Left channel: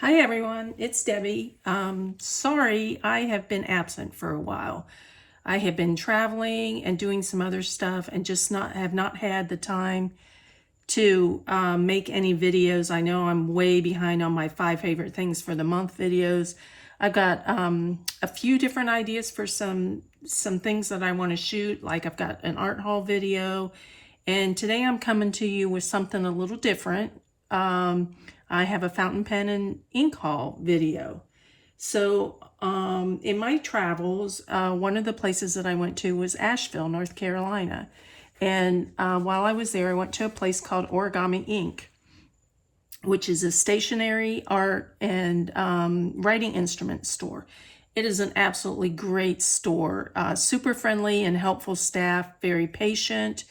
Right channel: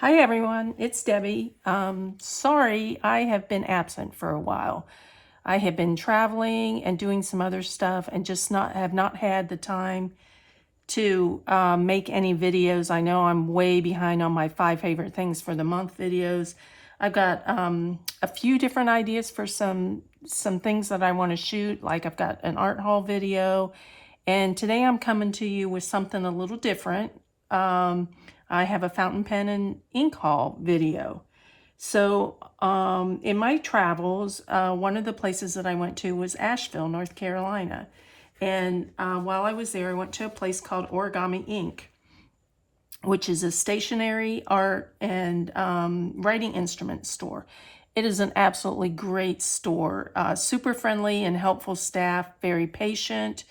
Hi everyone, it's Debbie. Sorry, I have been absent for a while. I have been traveling and doing some other stuff and just have not had the time to make any videos. I know I'm way behind on my 5 favorite things for the month videos. I've got a few different ideas for some things that I want to shoot. Like I've got an art haul video, and today I'm coming to you with something a little different. I have a fountain pen and ink haul video. So in my travels, one of the places that I went to was Asheville, North Carolina. And while I was there, I went to a place called Origami Ink, which is a stationery, art, and writing instrument store. It is an absolutely great store, super friendly and helpful staff, very patient,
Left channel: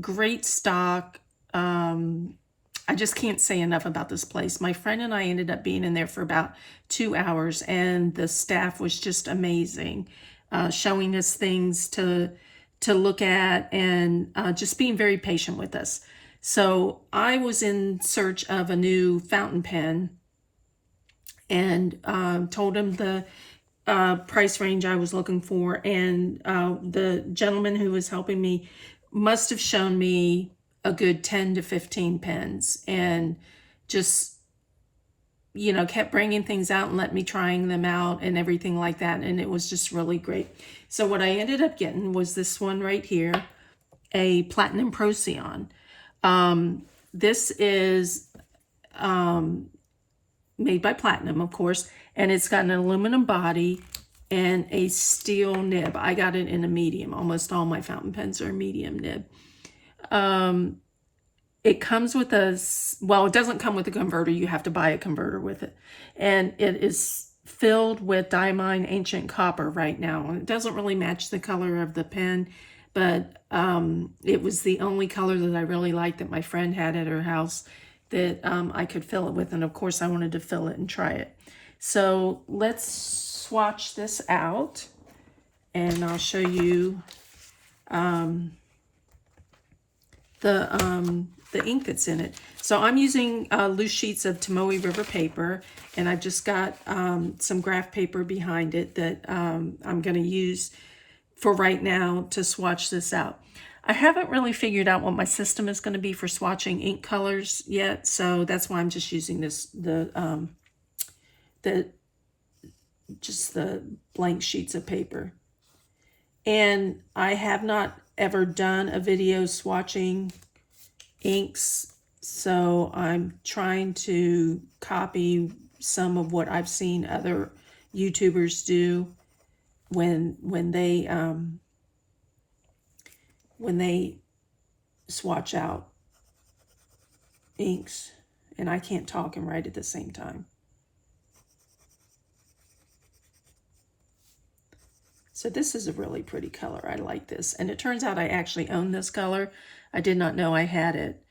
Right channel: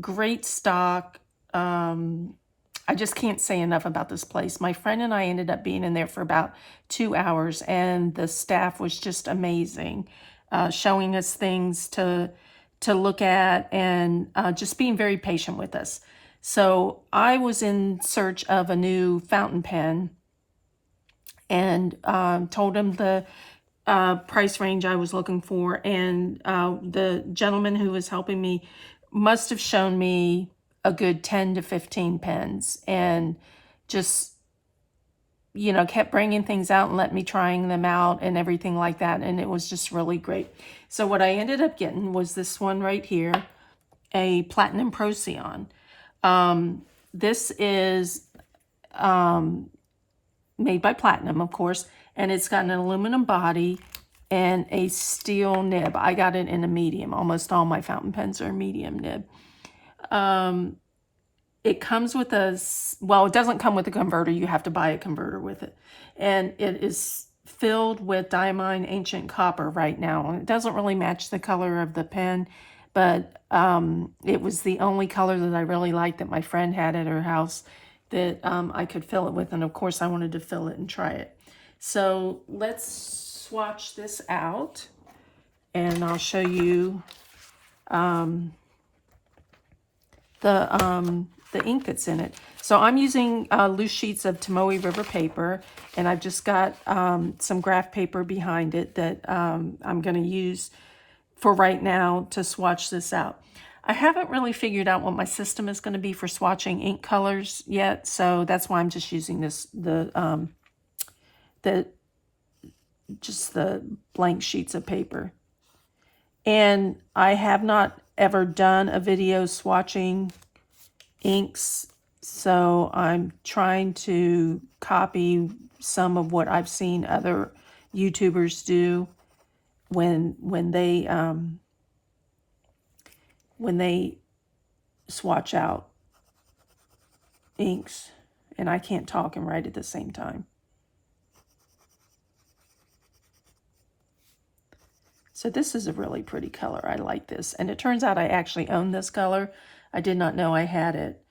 great stock. I just can't say enough about this place. My friend and I ended up being in there for about 2 hours, and the staff was just amazing, showing us things to look at, and just being very patient with us. So I was in search of a new fountain pen, and told him the price range I was looking for, and the gentleman who was helping me must have shown me a good 10 to 15 pens, and just, you know, kept bringing things out and let me trying them out and everything like that, and it was just really great. So what I ended up getting was this one right here, a Platinum Procyon. This is made by Platinum, of course, and it's got an aluminum body and a steel nib. I got it in a medium. Almost all my fountain pens are medium nib. It comes with well, it doesn't come with a converter. You have to buy a converter with it. And it is filled with diamine ancient copper right now. It doesn't really match the color of the pen, but it was the only color that I really liked that my friend had at her house that I could fill it with. And of course I wanted to fill it and try it. So let's swatch this out, and I'll show you the ink that's in it. So I'm using loose sheets of Tomoe River paper, and I've just got some graph paper behind it that I'm going to use for right now to swatch this out. I haven't really figured out what my system is going to be for swatching ink colors yet, so that's why I'm just using just the blank sheets of paper. And I have not ever done a video swatching inks, so I'm trying to copy some of what I've seen other YouTubers do when they swatch out inks. And I can't talk and write at the same time. So this is a really pretty color. I like this. And it turns out I actually own this color. I did not know I had it.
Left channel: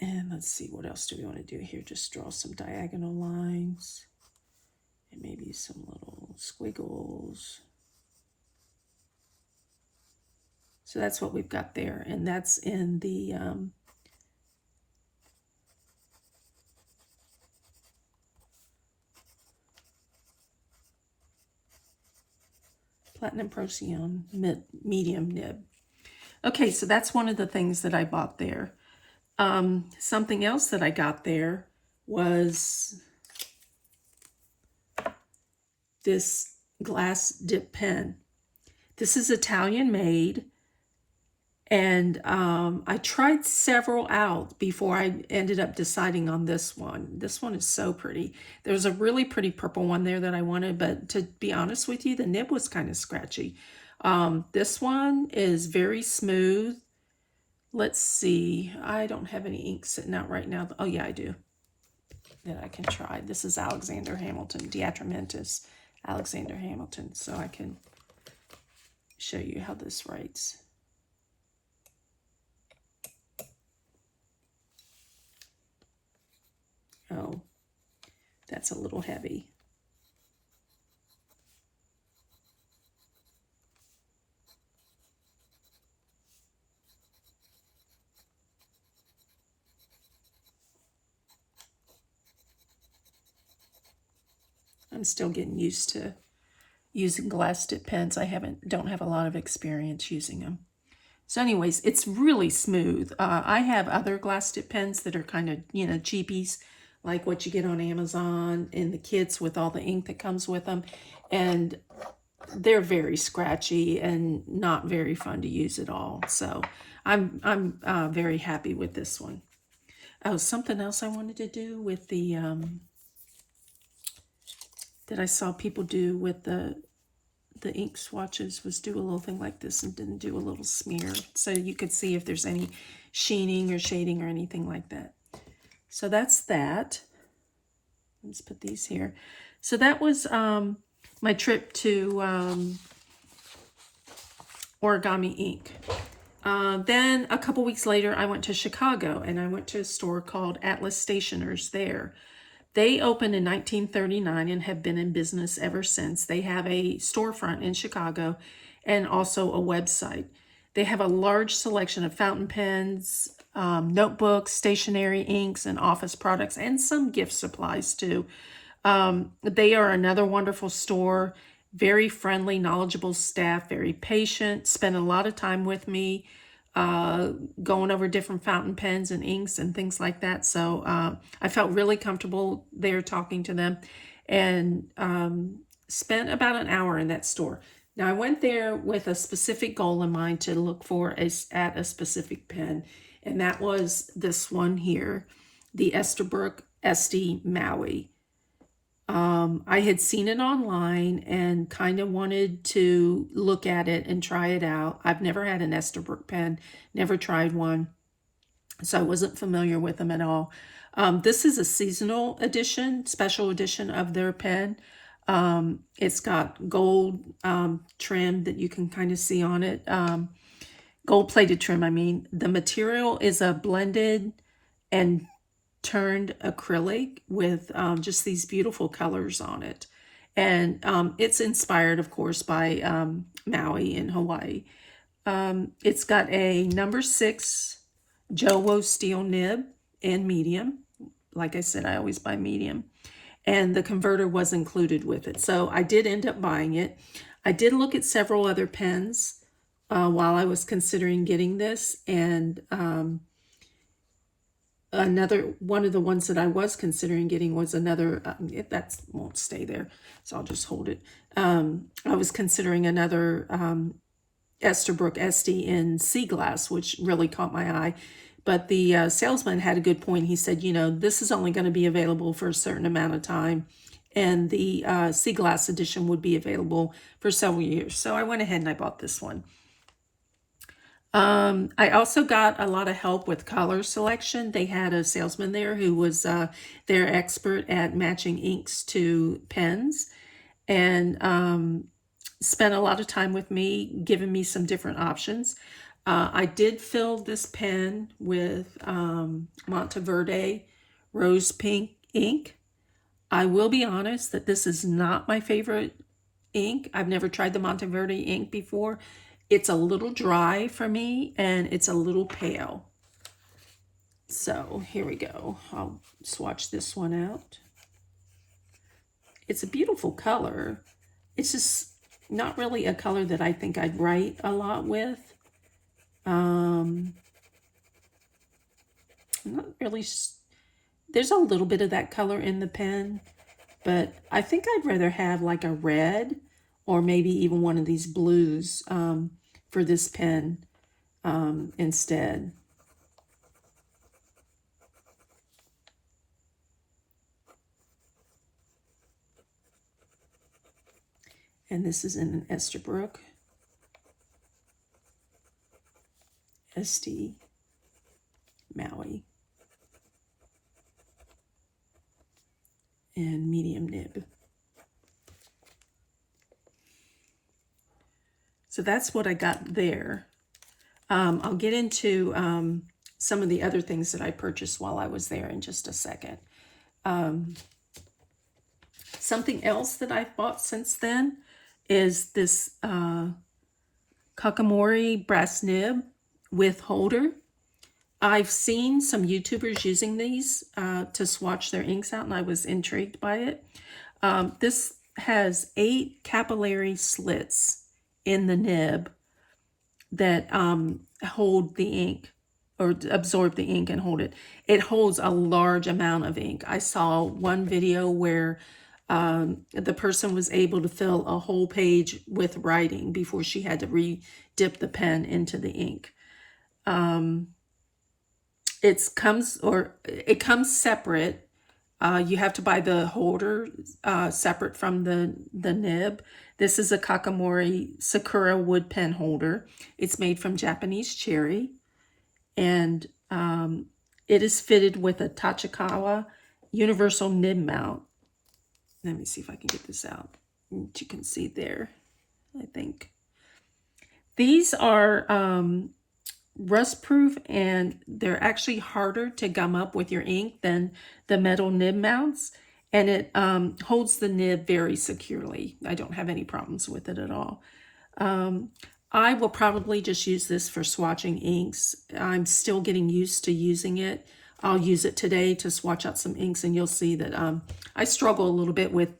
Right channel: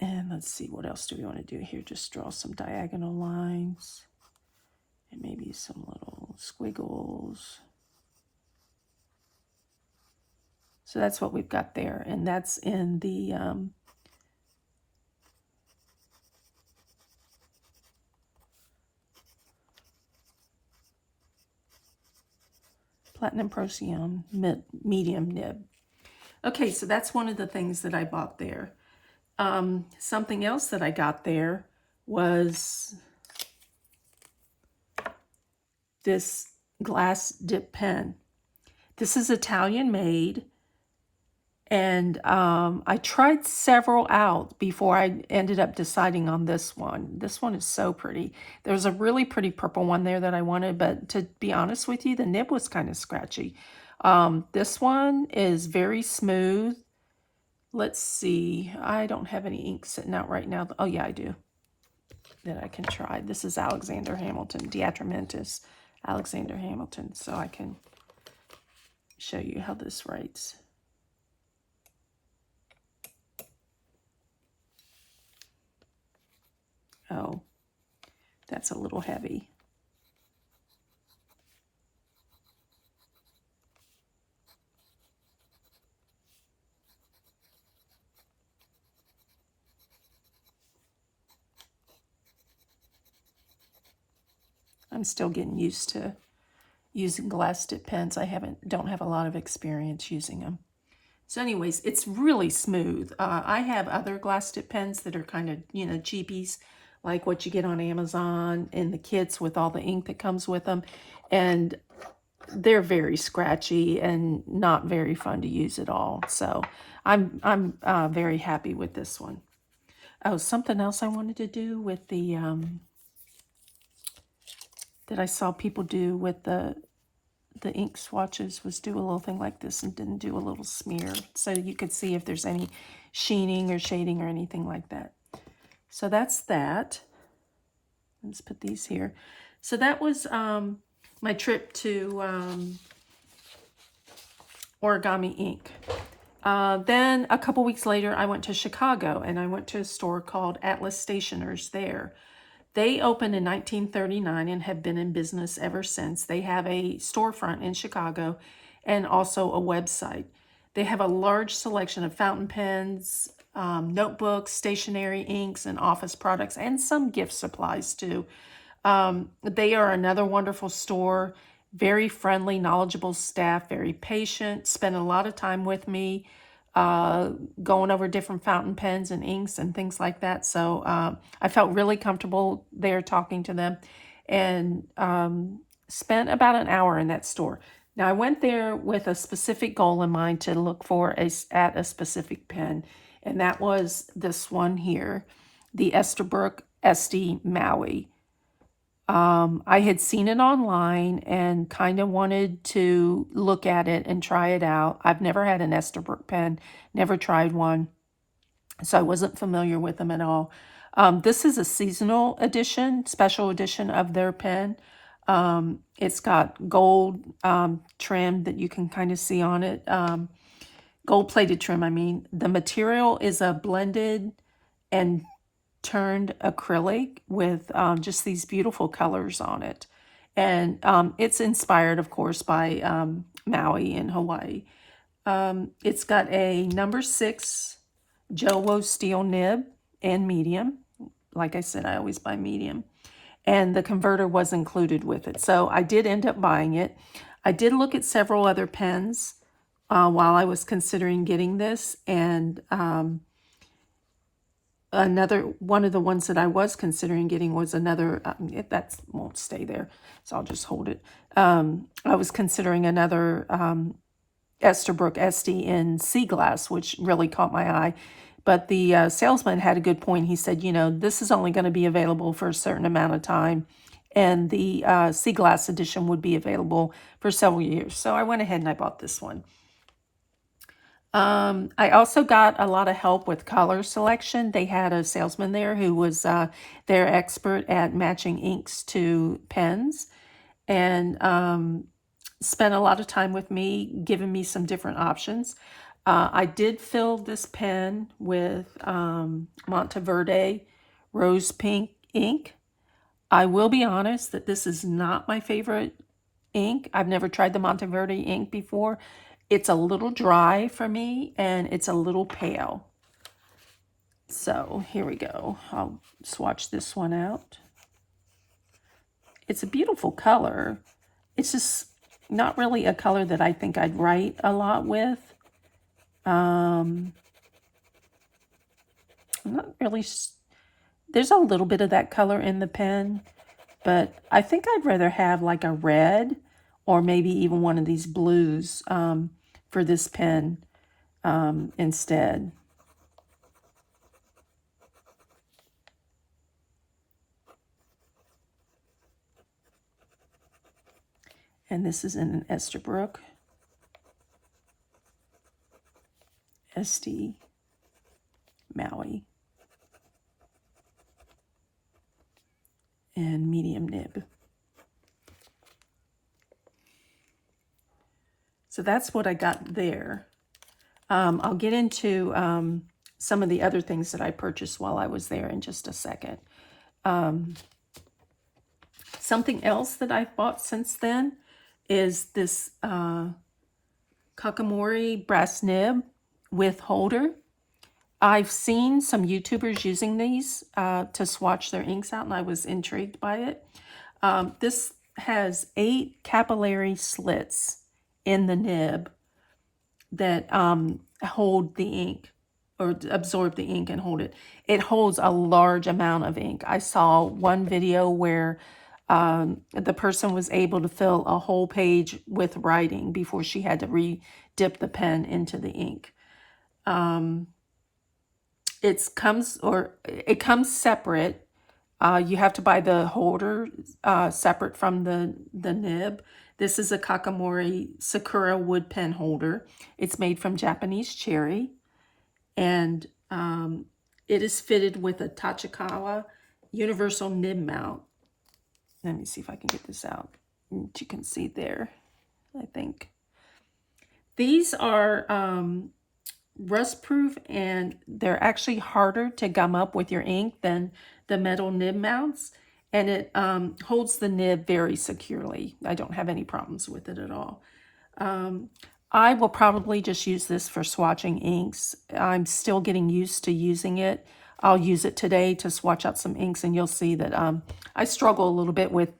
And let's see, what else do we want to do here? Just draw some diagonal lines and maybe some little squiggles. So that's what we've got there. And that's in the Platinum Procyon medium nib. Okay, so that's one of the things that I bought there. Something else that I got there was this glass dip pen. This is Italian made, and I tried several out before I ended up deciding on this one. This one is so pretty. There's a really pretty purple one there that I wanted, but to be honest with you, the nib was kind of scratchy. This one is very smooth. Let's see. I don't have any ink sitting out right now. Oh, yeah, I do. That I can try. This is Alexander Hamilton, Diatramentis Alexander Hamilton. So I can show you how this writes. Oh, that's a little heavy. I'm still getting used to using glass tip pens. I don't have a lot of experience using them. So anyways, it's really smooth. I have other glass tip pens that are kind of, cheapies, like what you get on Amazon in the kits with all the ink that comes with them. And they're very scratchy and not very fun to use at all. So I'm very happy with this one. Oh, something else I wanted to do with the, that I saw people do with the ink swatches was do a little thing like this and didn't do a little smear. So you could see if there's any sheening or shading or anything like that. So that's that. Let's put these here. So that was my trip to Origami Ink. Then a couple weeks later, I went to Chicago and I went to a store called Atlas Stationers there. They opened in 1939 and have been in business ever since. They have a storefront in Chicago and also a website. They have a large selection of fountain pens, notebooks, stationery, inks, and office products, and some gift supplies too. They are another wonderful store, very friendly, knowledgeable staff, very patient, spend a lot of time with me, going over different fountain pens and inks and things like that. So I felt really comfortable there talking to them, and spent about an hour in that store. Now I went there with a specific goal in mind to look for at a specific pen, and that was this one here, the Esterbrook SD Maui. I had seen it online and kind of wanted to look at it and try it out. I've never had an Esterbrook pen, never tried one, so I wasn't familiar with them at all. This is a seasonal edition, special edition of their pen. It's got gold trim that you can kind of see on it. Gold-plated trim, I mean. The material is a blended and turned acrylic with just these beautiful colors on it. And it's inspired, of course, by Maui in Hawaii. It's got a number 6 Jowo steel nib in medium. Like I said, I always buy medium. And the converter was included with it. So I did end up buying it. I did look at several other pens while I was considering getting this. And another one of the ones that I was considering getting was another, that won't stay there, so I'll just hold it. I was considering another Esterbrook SD in sea glass, which really caught my eye. But the salesman had a good point. He said, this is only going to be available for a certain amount of time, and the sea glass edition would be available for several years. So I went ahead and I bought this one. I also got a lot of help with color selection. They had a salesman there who was their expert at matching inks to pens, and spent a lot of time with me, giving me some different options. I did fill this pen with Monteverde Rose Pink ink. I will be honest that this is not my favorite ink. I've never tried the Monteverde ink before. It's a little dry for me, and it's a little pale. So here we go. I'll swatch this one out. It's a beautiful color. It's just not really a color that I think I'd write a lot with. I'm not really, there's a little bit of that color in the pen, but I think I'd rather have like a red or maybe even one of these blues for this pen instead. And this is in an Esterbrook SD Maui and medium nib. So that's what I got there. I'll get into some of the other things that I purchased while I was there in just a second. Something else that I've bought since then is this Kakamori brass nib with holder. I've seen some YouTubers using these to swatch their inks out, and I was intrigued by it. This has 8 capillary slits in the nib that hold the ink or absorb the ink and hold it. It holds a large amount of ink. I saw one video where the person was able to fill a whole page with writing before she had to re-dip the pen into the ink. It comes separate. You have to buy the holder separate from the nib. This is a Kakamori Sakura wood pen holder. It's made from Japanese cherry, and it is fitted with a Tachikawa universal nib mount. Let me see if I can get this out. You can see there, I think. These are rust proof, and they're actually harder to gum up with your ink than the metal nib mounts, and it holds the nib very securely. I don't have any problems with it at all. I will probably just use this for swatching inks. I'm still getting used to using it. I'll use it today to swatch out some inks, and you'll see that I struggle a little bit with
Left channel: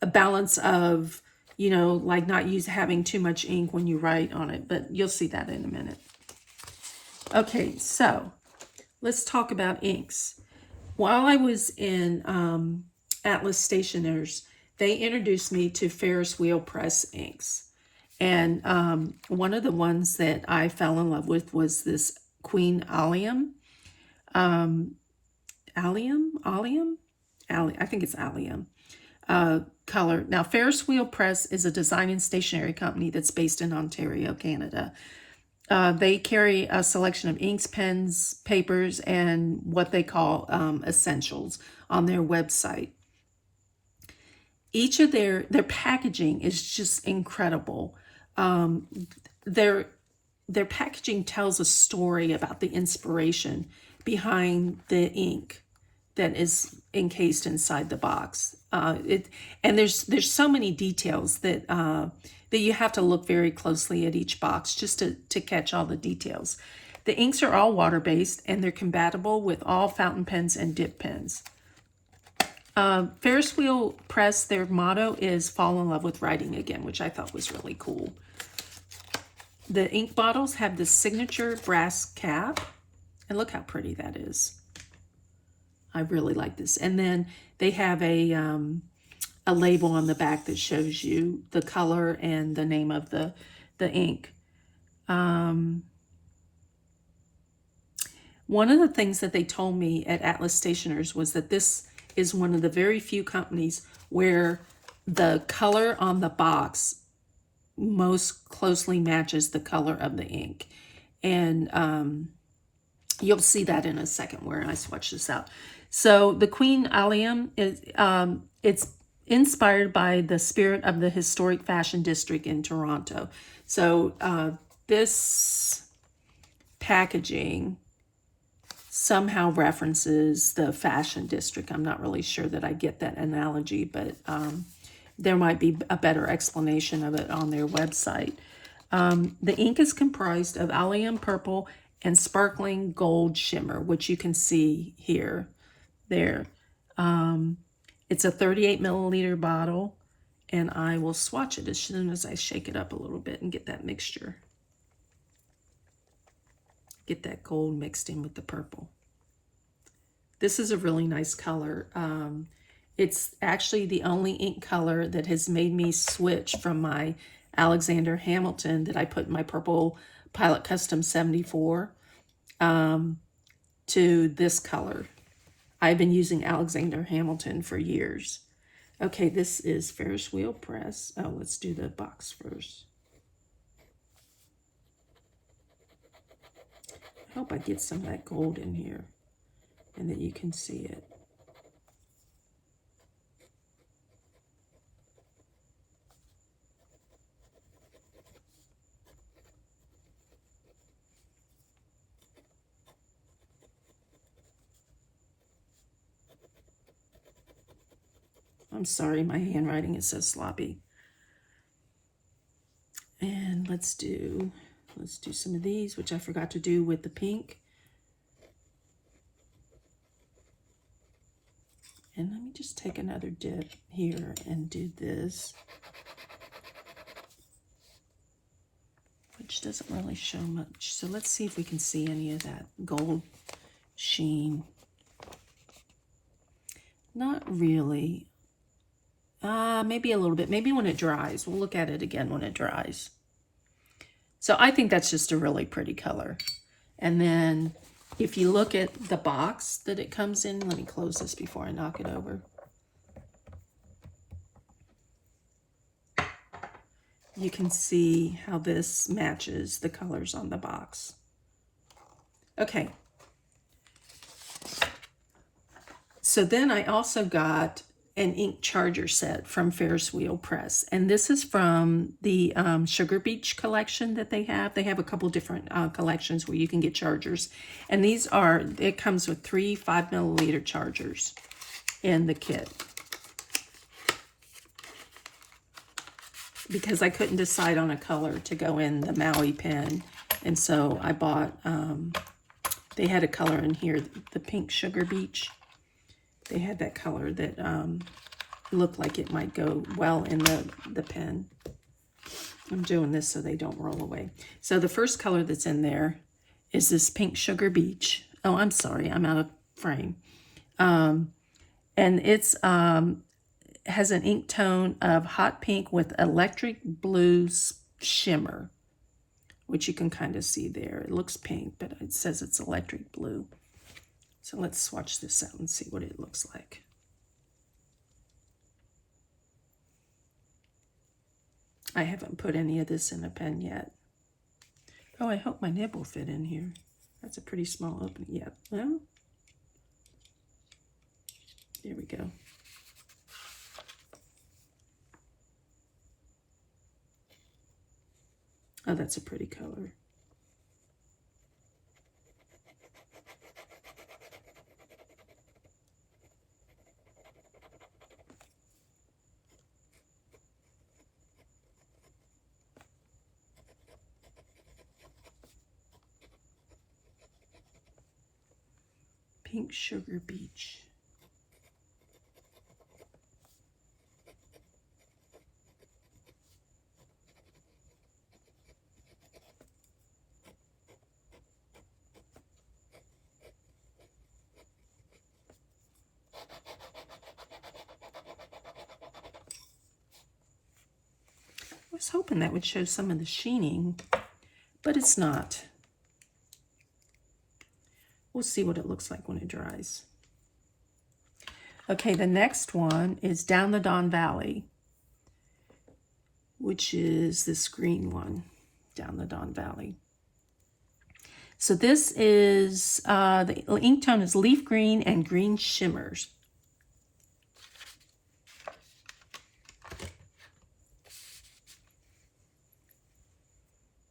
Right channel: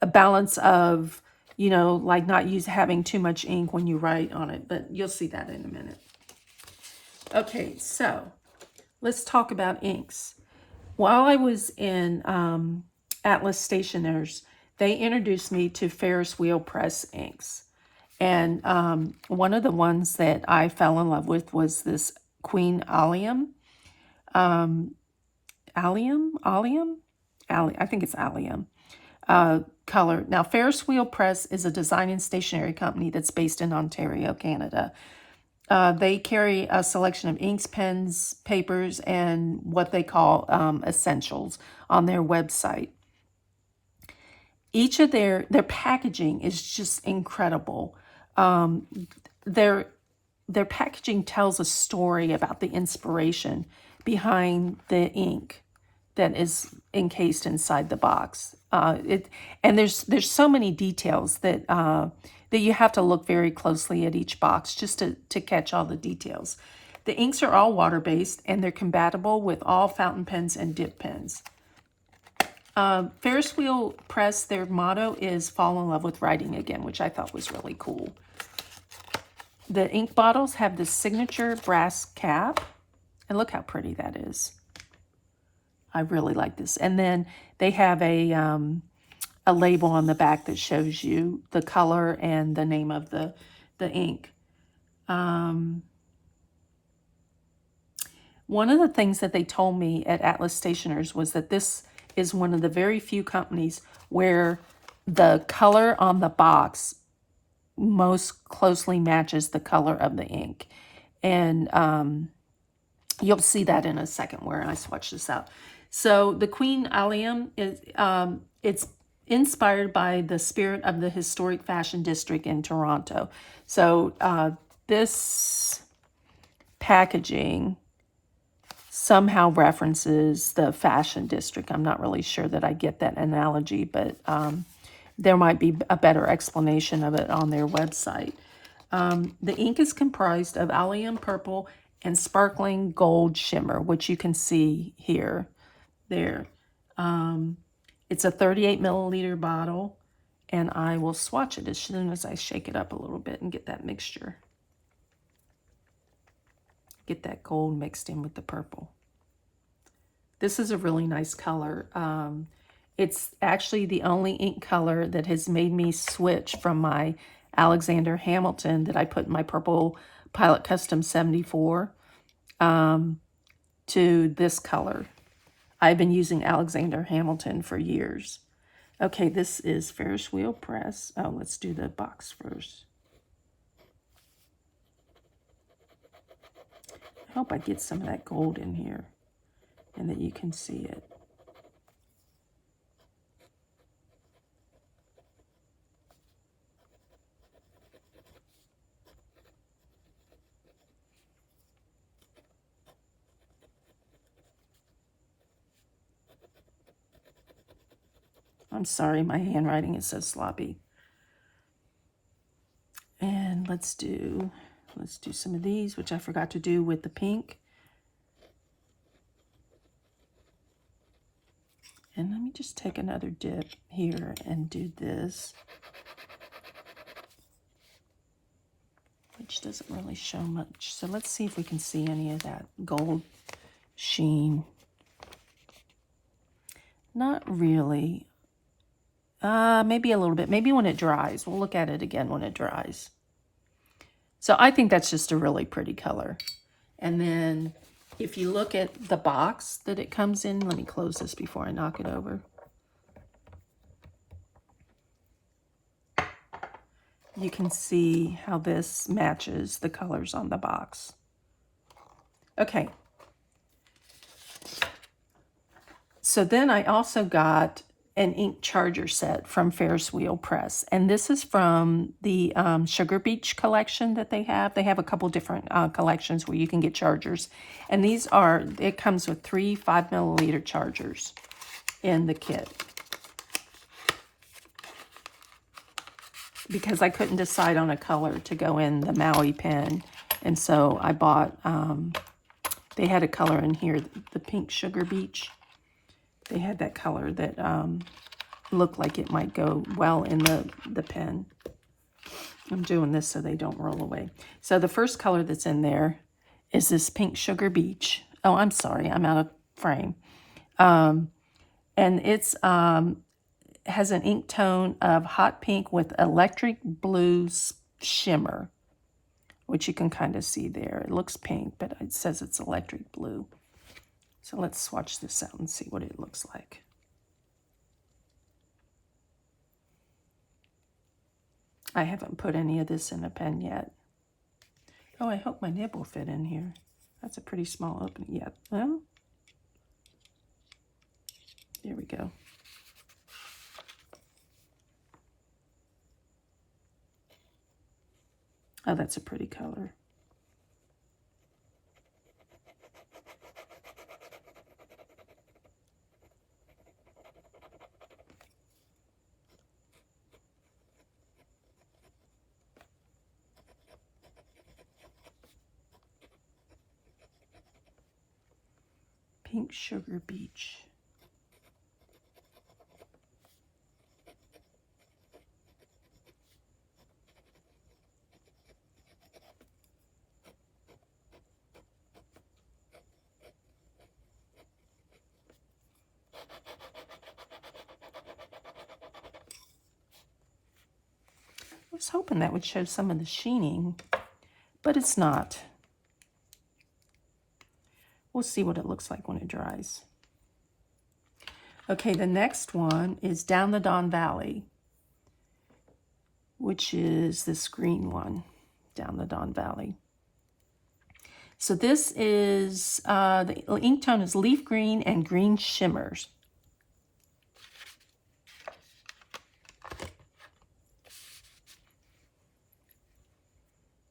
a balance of, you know, like not having too much ink when you write on it, but you'll see that in a minute. Okay, so let's talk about inks. While I was in Atlas Stationers, they introduced me to Ferris Wheel Press inks. And one of the ones that I fell in love with was this Queen Allium. I think it's Allium color. Now, Ferris Wheel Press is a design and stationery company that's based in Ontario, Canada. They carry a selection of inks, pens, papers, and what they call essentials on their website. Each of their packaging is just incredible. Their packaging tells a story about the inspiration behind the ink that is encased inside the box. And there's so many details that that you have to look very closely at each box just to catch all the details. The inks are all water-based, and they're compatible with all fountain pens and dip pens. Ferris Wheel Press, their motto is fall in love with writing again, which I thought was really cool. The ink bottles have the signature brass cap, and look how pretty that is. I really like this. And then they have a label on the back that shows you the color and the name of the ink. One of the things that they told me at Atlas Stationers was that this is one of the very few companies where the color on the box most closely matches the color of the ink. And you'll see that in a second where I swatch this out. So the Queen Allium is it's inspired by the spirit of the historic fashion district in Toronto. So this packaging somehow references the fashion district. I'm not really sure that I get that analogy, but there might be a better explanation of it on their website. The ink is comprised of allium purple and sparkling gold shimmer, which you can see here. There. It's a 38 milliliter bottle, and I will swatch it as soon as I shake it up a little bit and get that mixture. Get that gold mixed in with the purple. This is a really nice color. It's actually the only ink color that has made me switch from my Alexander Hamilton that I put in my purple Pilot Custom 74 to this color. I've been using Alexander Hamilton for years. Okay, this is Ferris Wheel Press. Oh, let's do the box first. I hope I get some of that gold in here and that you can see it. I'm sorry, my handwriting is so sloppy. And let's do some of these, which I forgot to do with the pink. And let me just take another dip here and do this, which doesn't really show much. So let's see if we can see any of that gold sheen. Not really. Maybe a little bit. Maybe when it dries. We'll look at it again when it dries. So I think that's just a really pretty color. And then if you look at the box that it comes in, let me close this before I knock it over. You can see how this matches the colors on the box. Okay. So then I also got an ink charger set from Ferris Wheel Press. And this is from the Sugar Beach collection that they have. They have a couple different collections where you can get chargers. And these are, it comes with 3 5-milliliter chargers in the kit. Because I couldn't decide on a color to go in the Maui pen. And so I bought, they had a color in here, the pink Sugar Beach. They had that color that looked like it might go well in the pen. I'm doing this so they don't roll away. So the first color that's in there is this pink Sugar Beach. Oh, I'm sorry, I'm out of frame. And it's has an ink tone of hot pink with electric blue shimmer, which you can kind of see there. It looks pink, but it says it's electric blue. So let's swatch this out and see what it looks like. I haven't put any of this in a pen yet. Oh, I hope my nib will fit in here. That's a pretty small opening. Yeah, well, there we go. Oh, that's a pretty color. Pink Sugar Beach. I was hoping that would show some of the sheening, but it's not. We'll see what it looks like when it dries. Okay, the next one is Down the Don Valley, which is this green one, Down the Don Valley. So this is, the ink tone is leaf green and green shimmers.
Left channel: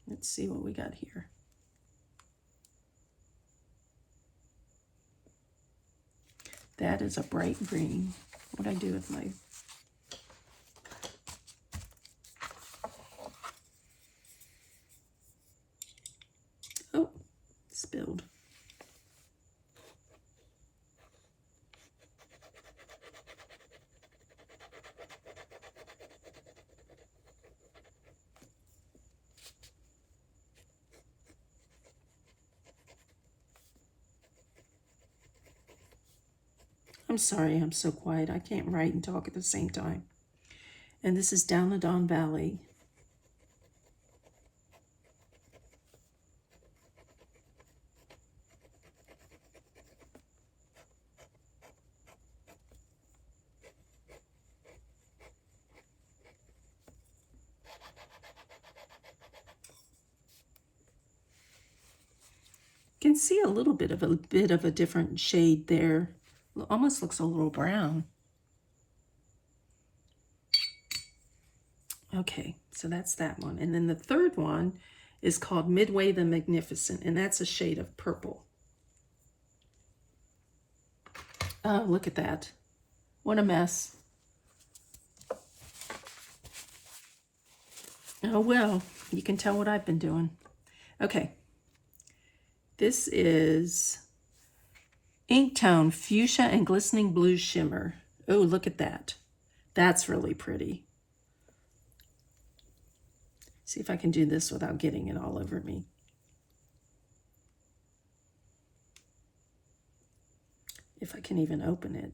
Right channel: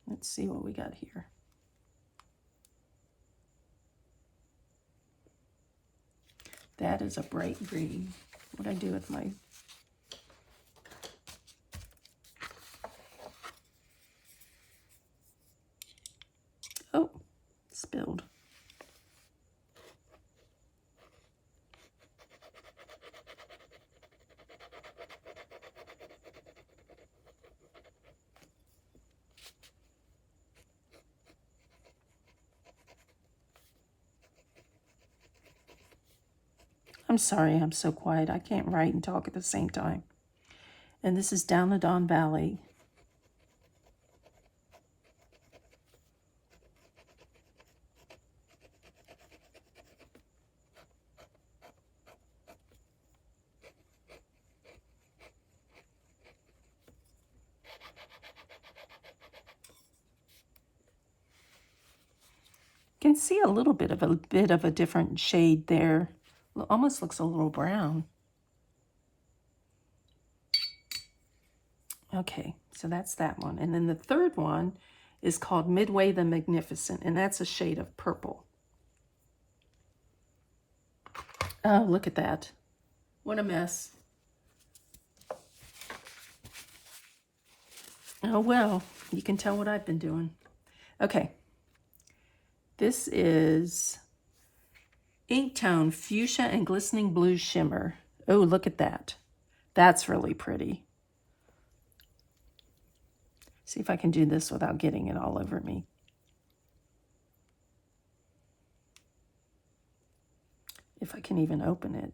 Let's see what we got here. That is a bright green. What'd I do with my... Oh, spilled. I'm sorry, I'm so quiet. I can't write and talk at the same time. And this is Down the Don Valley. You can see a little bit of a different shade there. It almost looks a little brown. Okay, so that's that one. And then the third one is called Midway the Magnificent, and that's a shade of purple. Oh, look at that. What a mess. Oh, well, you can tell what I've been doing. Okay. This is Ink Tone Fuchsia and Glistening Blue Shimmer. Oh, look at that. That's really pretty. See if I can do this without getting it all over me. If I can even open it.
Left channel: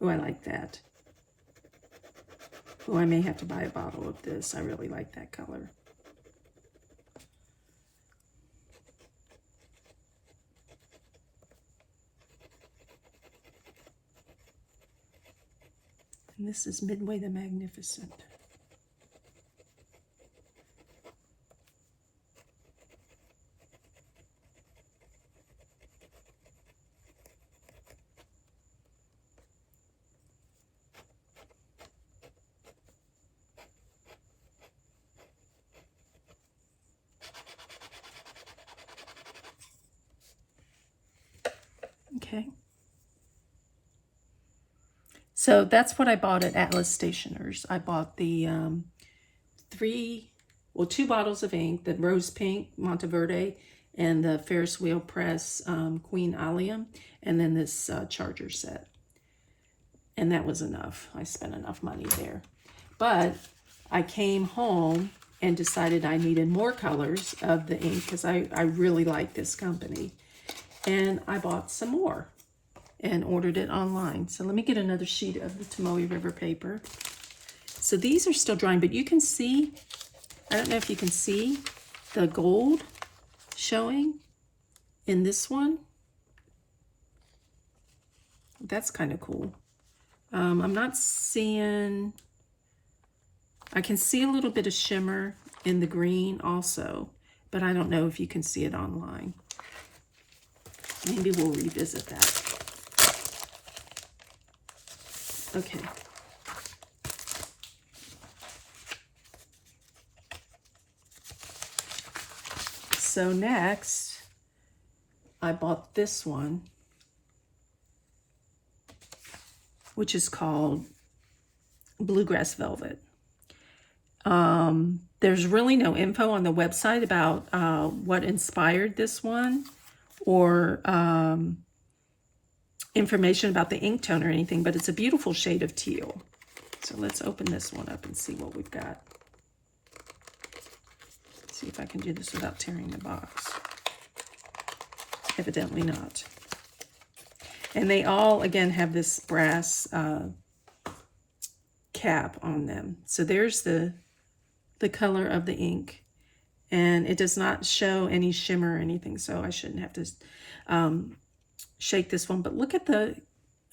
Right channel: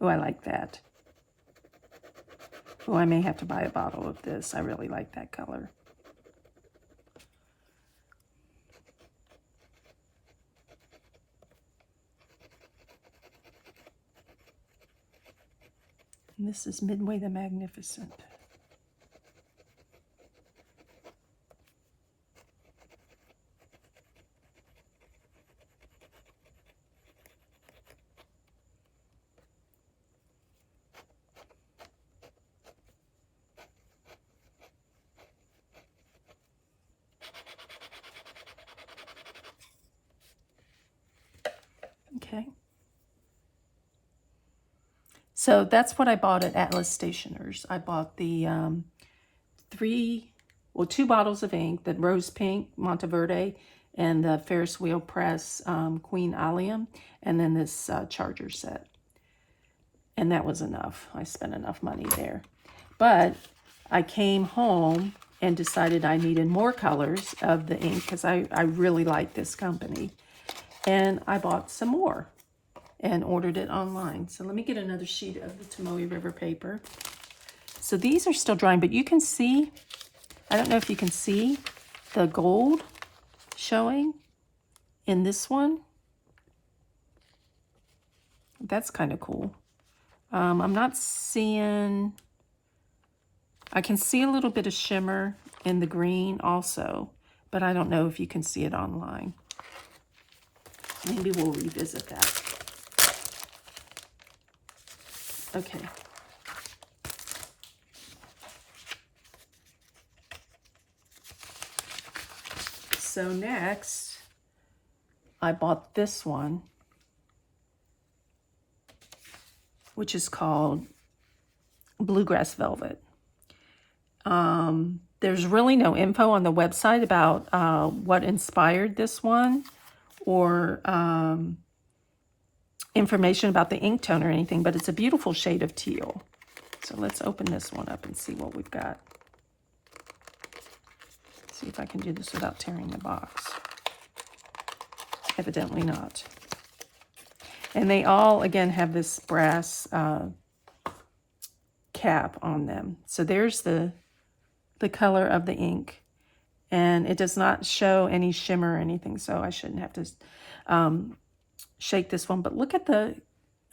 Oh, I like that. Oh, I may have to buy a bottle of this. I really like that color. And this is Midway the Magnificent. Okay. So that's what I bought at Atlas Stationers. I bought the two bottles of ink, the Rose Pink Monteverde and the Ferris Wheel Press Queen Allium, and then this charger set. And that was enough. I spent enough money there. But I came home and decided I needed more colors of the ink because I really like this company. And I bought some more and ordered it online. So let me get another sheet of the Tomoe River paper. So these are still drying, but you can see, I don't know if you can see the gold showing in this one. That's kind of cool. I'm not seeing, I can see a little bit of shimmer in the green also, but I don't know if you can see it online. Maybe we'll revisit that. Okay. So next, I bought this one, which is called Bluegrass Velvet. There's really no info on the website about what inspired this one or information about the ink tone or anything, but it's a beautiful shade of teal. So let's open this one up and see what we've got. See if I can do this without tearing the box. Evidently not. And they all, again, have this brass cap on them. So there's the color of the ink. And it does not show any shimmer or anything, so I shouldn't have to shake this one. But look at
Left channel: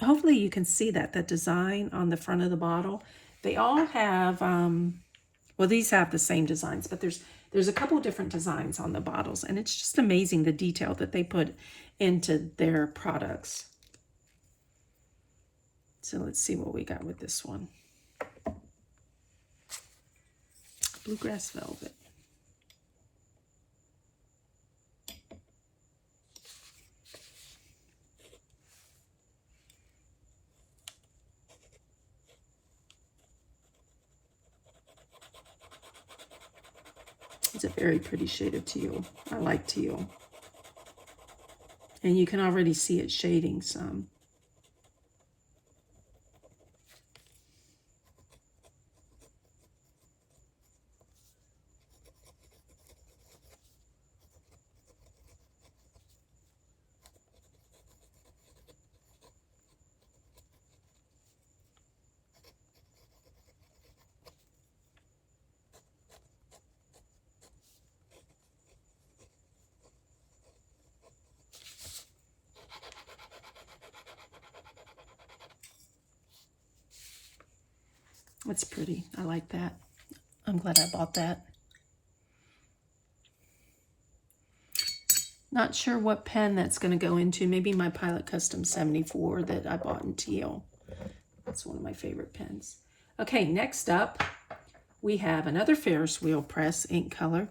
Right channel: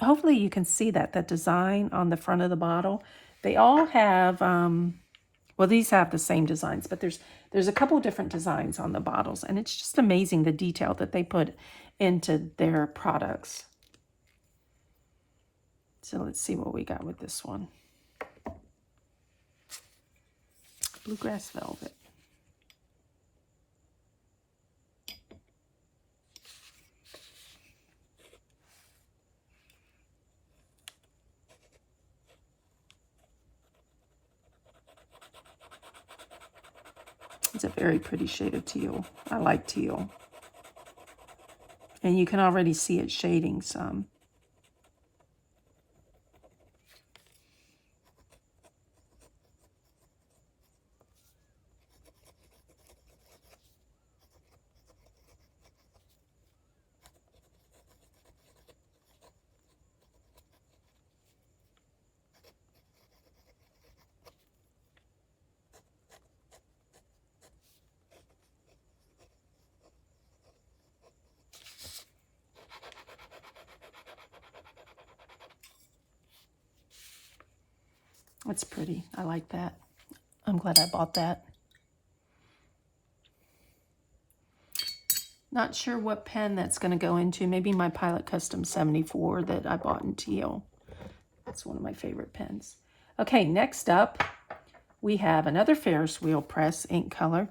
hopefully you can see that design on the front of the bottle. They all have, well, these have the same designs, but there's a couple of different designs on the bottles, and it's just amazing the detail that they put into their products. So let's see what we got with this one. Bluegrass Velvet. It's a very pretty shade of teal. I like teal. And you can already see it shading some. It's pretty. I like that. I'm glad I bought that. Not sure what pen that's going to go into. Maybe my Pilot Custom 74 that I bought in teal. That's one of my favorite pens. Okay, next up, we have another Ferris Wheel Press ink color.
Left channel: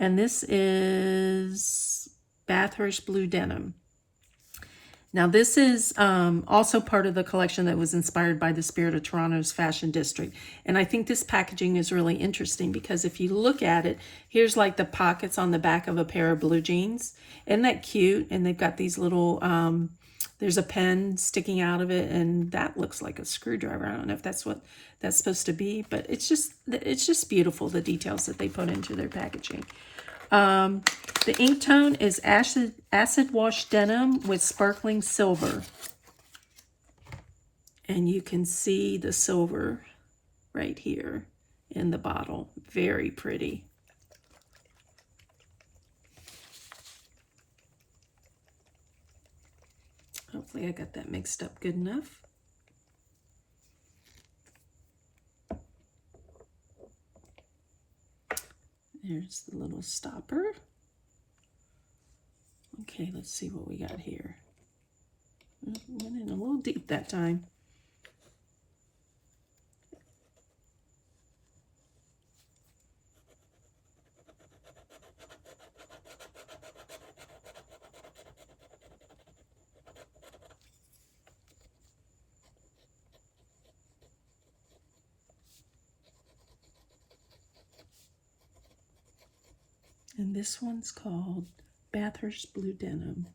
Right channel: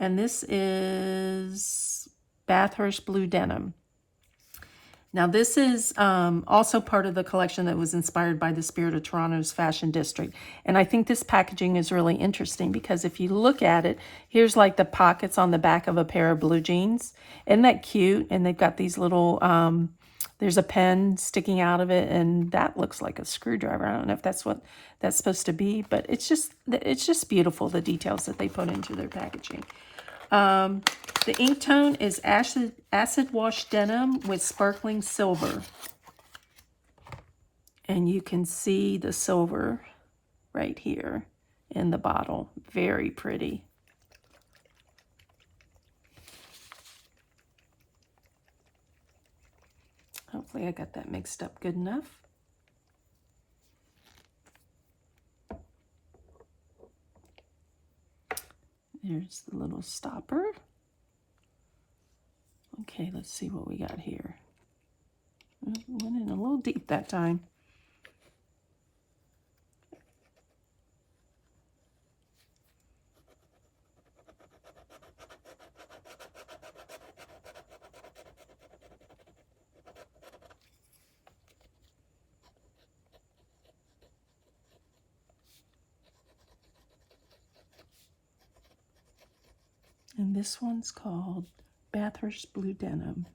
And this is Bathurst Blue Denim. Now this is also part of the collection that was inspired by the Spirit of Toronto's Fashion District. And I think this packaging is really interesting because if you look at it, here's like the pockets on the back of a pair of blue jeans. Isn't that cute? And they've got these little, there's a pen sticking out of it, and that looks like a screwdriver. I don't know if that's what that's supposed to be, but it's just beautiful, the details that they put into their packaging. The ink tone is acid wash denim with sparkling silver. And you can see the silver right here in the bottle. Very pretty. Hopefully I got that mixed up good enough. There's the little stopper. Okay, let's see what we got here. Went in a little deep that time. And this one's called Bathurst Blue Denim.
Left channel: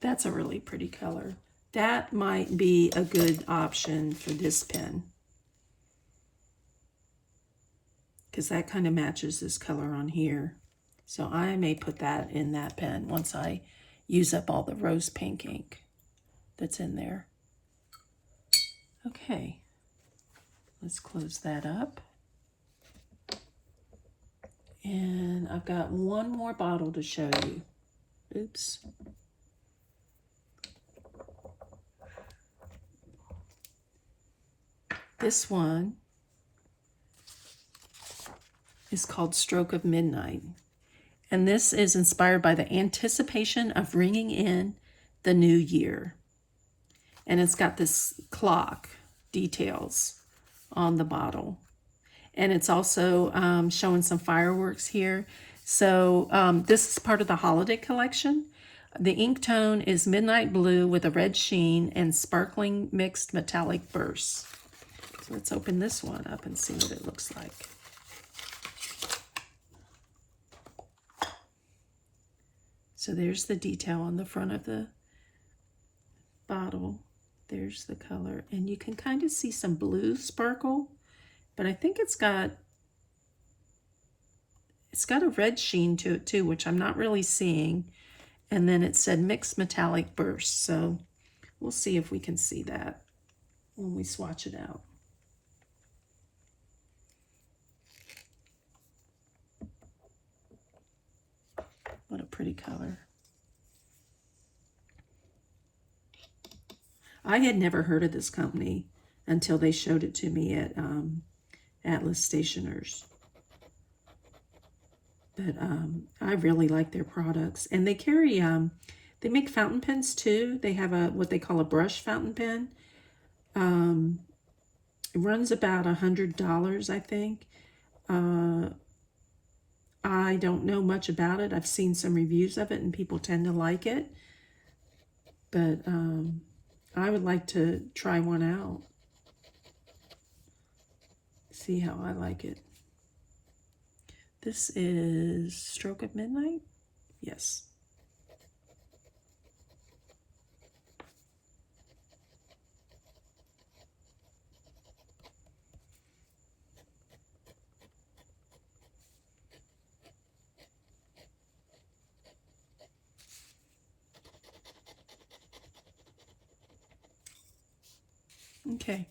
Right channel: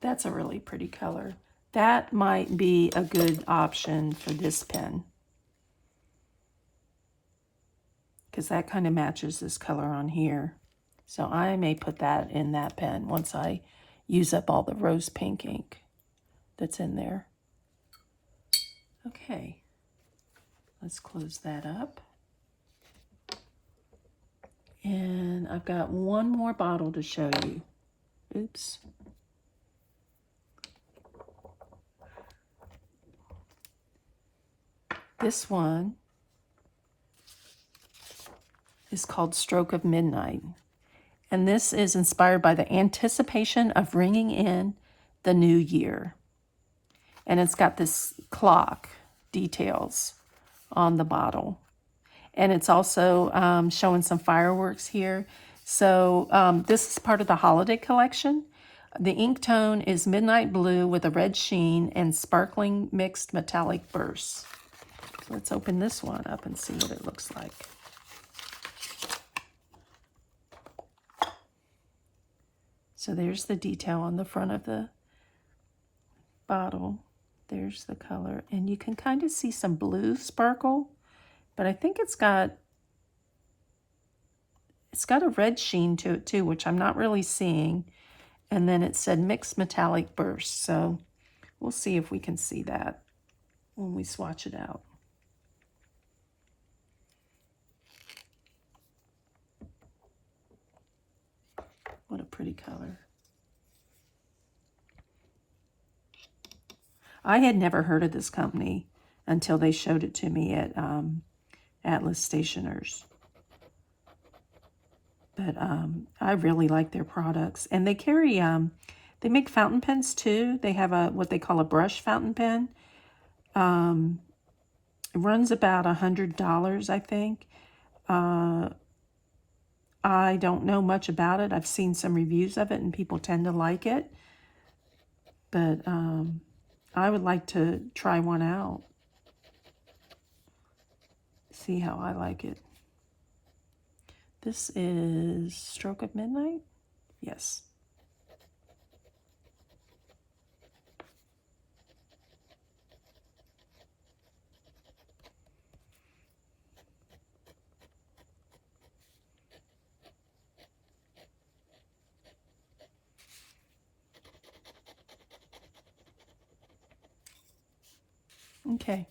That's a really pretty color. That might be a good option for this pen, because that kind of matches this color on here. So I may put that in that pen once I use up all the rose pink ink that's in there. Okay, let's close that up. And I've got one more bottle to show you. Oops. This one is called Stroke of Midnight. And this is inspired by the anticipation of ringing in the new year. And it's got this clock details on the bottle. And it's also showing some fireworks here. So this is part of the holiday collection. The ink tone is midnight blue with a red sheen and sparkling mixed metallic bursts. So let's open this one up and see what it looks like. So there's the detail on the front of the bottle. There's the color. And you can kind of see some blue sparkle, but I think it's got a red sheen to it too, which I'm not really seeing. And then it said mixed metallic bursts. So we'll see if we can see that when we swatch it out. What a pretty color. I had never heard of this company until they showed it to me at Atlas Stationers. But I really like their products. And they carry, they make fountain pens too. They have what they call a brush fountain pen. It runs about $100, I think. I don't know much about it. I've seen some reviews of it and people tend to like it. But I would like to try one out. See how I like it. This is Stroke of Midnight? Yes. Okay.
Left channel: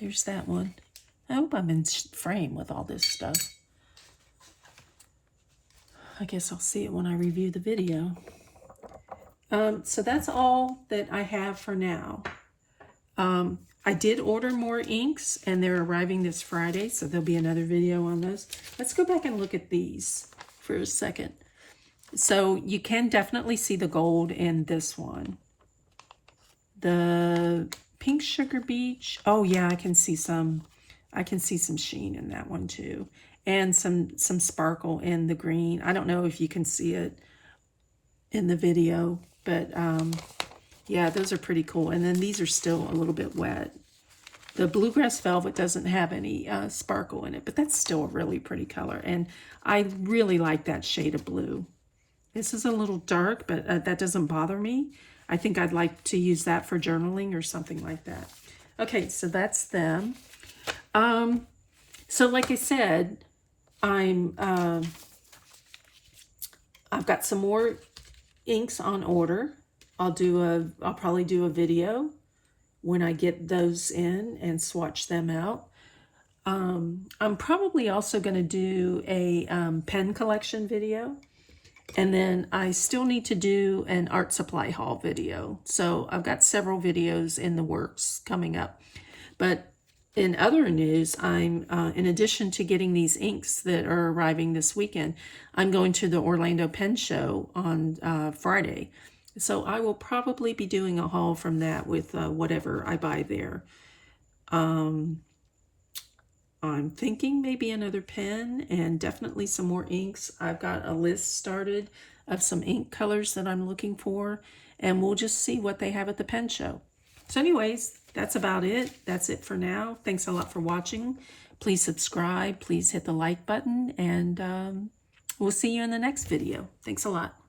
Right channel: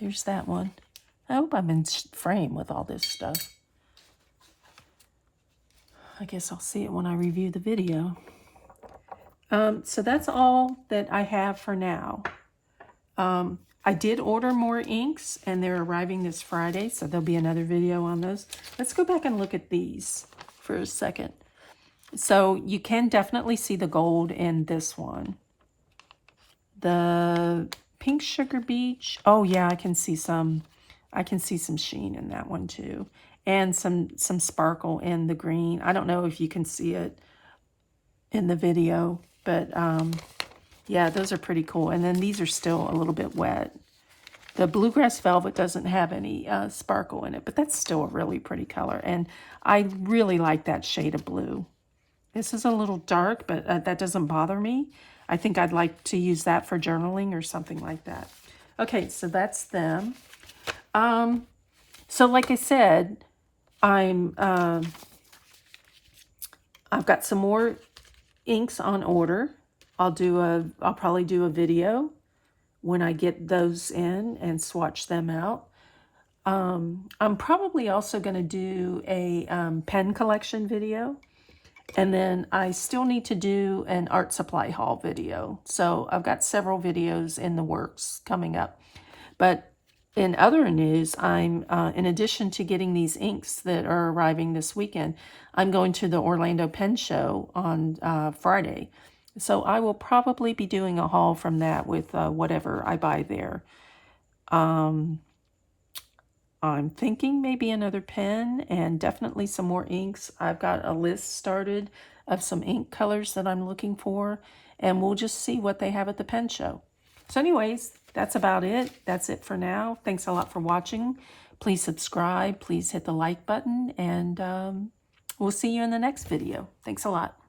There's that one. I hope I'm in frame with all this stuff. I guess I'll see it when I review the video. So that's all that I have for now. I did order more inks, and they're arriving this Friday, so there'll be another video on those. Let's go back and look at these for a second. So you can definitely see the gold in this one. The Pink Sugar Beach. Oh yeah, I can see some sheen in that one too. And some sparkle in the green. I don't know if you can see it in the video, but yeah, those are pretty cool. And then these are still a little bit wet. The Bluegrass Velvet doesn't have any sparkle in it, but that's still a really pretty color. And I really like that shade of blue. This is a little dark, but that doesn't bother me. I think I'd like to use that for journaling or something like that. Okay, so that's them. So like I said, I've got some more inks on order. I'll probably do a video when I get those in and swatch them out. I'm probably also going to do a pen collection video. And then I still need to do an art supply haul video. So I've got several videos in the works coming up. But in other news, I'm, in addition to getting these inks that are arriving this weekend, I'm going to the Orlando Pen Show on Friday. So I will probably be doing a haul from that with whatever I buy there. I'm thinking maybe another pen and definitely some more inks. I've got a list started of some ink colors that I'm looking for, and we'll just see what they have at the pen show. So anyways, that's about it. That's it for now. Thanks a lot for watching. Please subscribe. Please hit the like button, and we'll see you in the next video. Thanks a lot.